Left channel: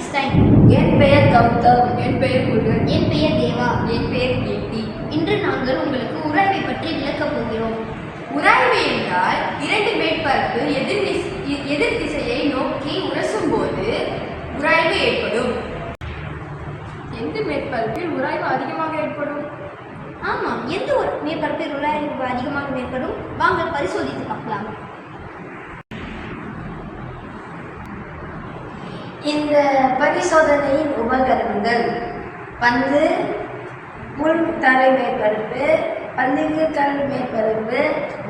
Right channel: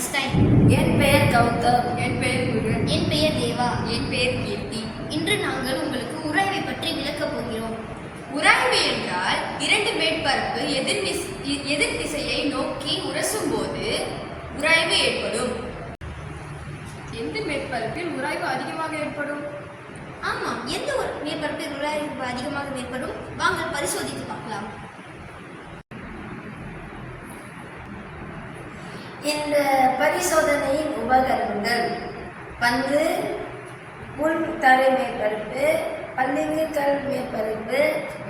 Einstein. என் பெயர் கௌதம். என் பெயர் முருகன். என் பெயர் தேவா. என் பெயர் கீர்த்தி. இன்று நாங்கள் உங்களுக்கு உராய்வை பற்றி விளக்கப் போகிறோம். உராய்வு என்றால் இரண்டு மேற்பரப்பு எதிர் திசையை நோக்கி உரசும் போது உராய்வு ஏற்படும். எந்த மேற்பரப்பில் உராய்வு அதிகமாக ஏற்படும்? ஆமாம், எந்த ஒரு மேற்பரப்பில் உராய்வு அதிகமாக ஏற்படும்? வாங்கள் பரிசோதித்து பார்க்கலாம். இந்த பரிசோதனையின் உபகரணங்கள் பந்து, முள் தரை மேற்பரப்பு, பளிங்குக்கல் மேற்பரப்பு,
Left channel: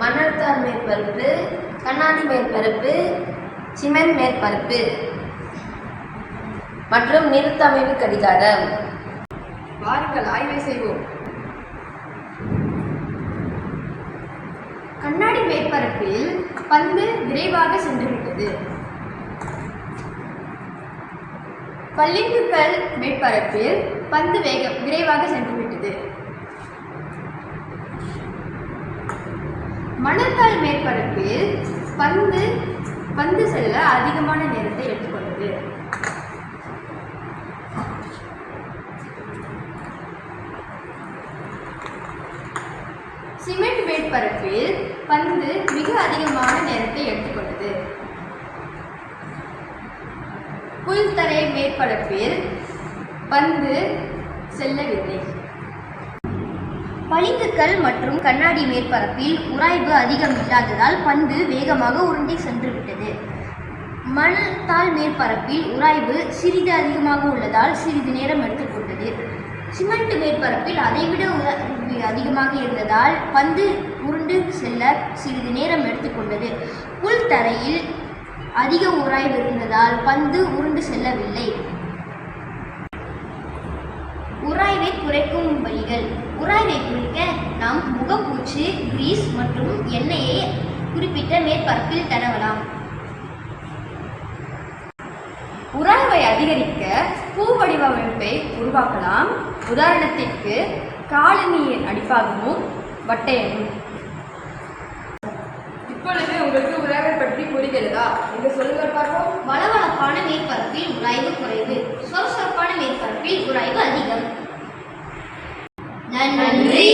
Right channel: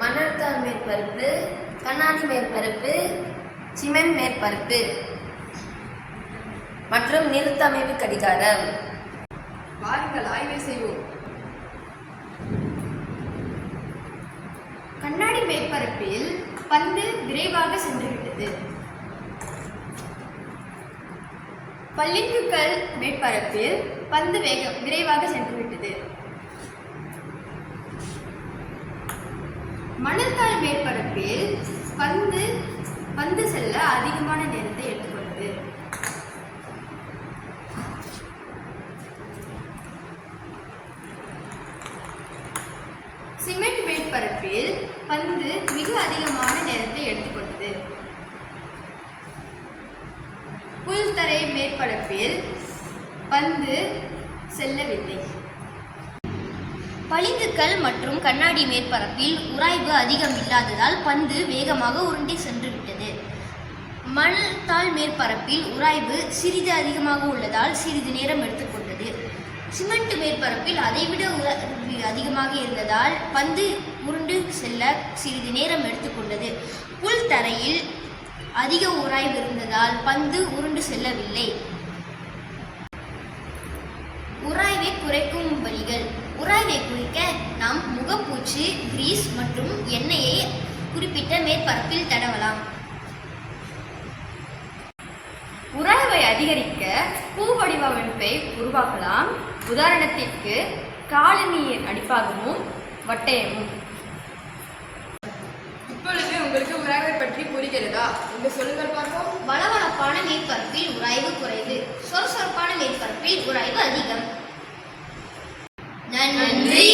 மணல்தாள் மேற்பரப்பு, கண்ணாடி மேற்பரப்பு, சிமெண்ட் மேற்பரப்பு மற்றும் நிறுத்தமைவு கடிகாரம். வாருங்கள் ஆய்வு செய்வோம். கண்ணாடி மேற்பரப்பில் பந்து விரைவாக சென்றுவிட்டது. பளிங்குக்கல் மேற்பரப்பில் பந்து விரைவாக சென்றுவிட்டது. மணல்தாள் மேற்பரப்பில் பந்து செல்ல அதிகமான நேரத்தை எடுத்துக்கொண்டது. சிமெண்ட் மேற்பரப்பில் பந்து மிக அதிகமான நேரத்தை எடுத்துக்கொண்டது. புல்தரை மேற்பரப்பில் பந்து செல்லவில்லை. பளிங்குக்கல் மற்றும் கண்ணாடி மேற்பரப்பில் உராய்வு அதிகம் இல்லாததால் பந்து வேகமாக உருண்டி சென்றுவிட்டது. மணல்தாள் மேற்பரப்பில் உராய்வு சிறிது அதிகமாக உள்ளதால் சிறிது நேரம் எடுத்துக்கொண்டது. சிமெண்ட் மேற்பரப்பில் அதைவிட உராய்வு அதிகமாக இருந்ததால் பந்து உருண்டு செல்ல சிறிது நேரம் எடுத்துக்கொண்டது. புல்தரையில் அதிக உராய்வு இருந்ததால் பந்து உருண்டு செல்லவில்லை. உராய்வை குறைக்கும் வழிகள். உராய்வை குறைக்க நாம் முகப்பூச்சு, கிரீஸ் மற்றும் எண்ணெயை குறிப்பிட்ட மேற்பரப்பில் தடவலாம். உராய்வை அதிகரிக்க பூ வடிவமைப்பை உருவாக்கலாம். உதாரணத்திற்கு காலனியின் அடிப்பாகமும் வட்டயமும். இப்பொழுது உங்களுக்கு உராய்வை பற்றி புரிகிறதா? இங்கு சொல்லுங்கள் பார்ப்போம். வளவளப்பான மேற்பரப்பில் உராய்வு குறைவு, சொரசொரப்பான மேற்பரப்பில் உராய்வு அதிகம். நன்றி.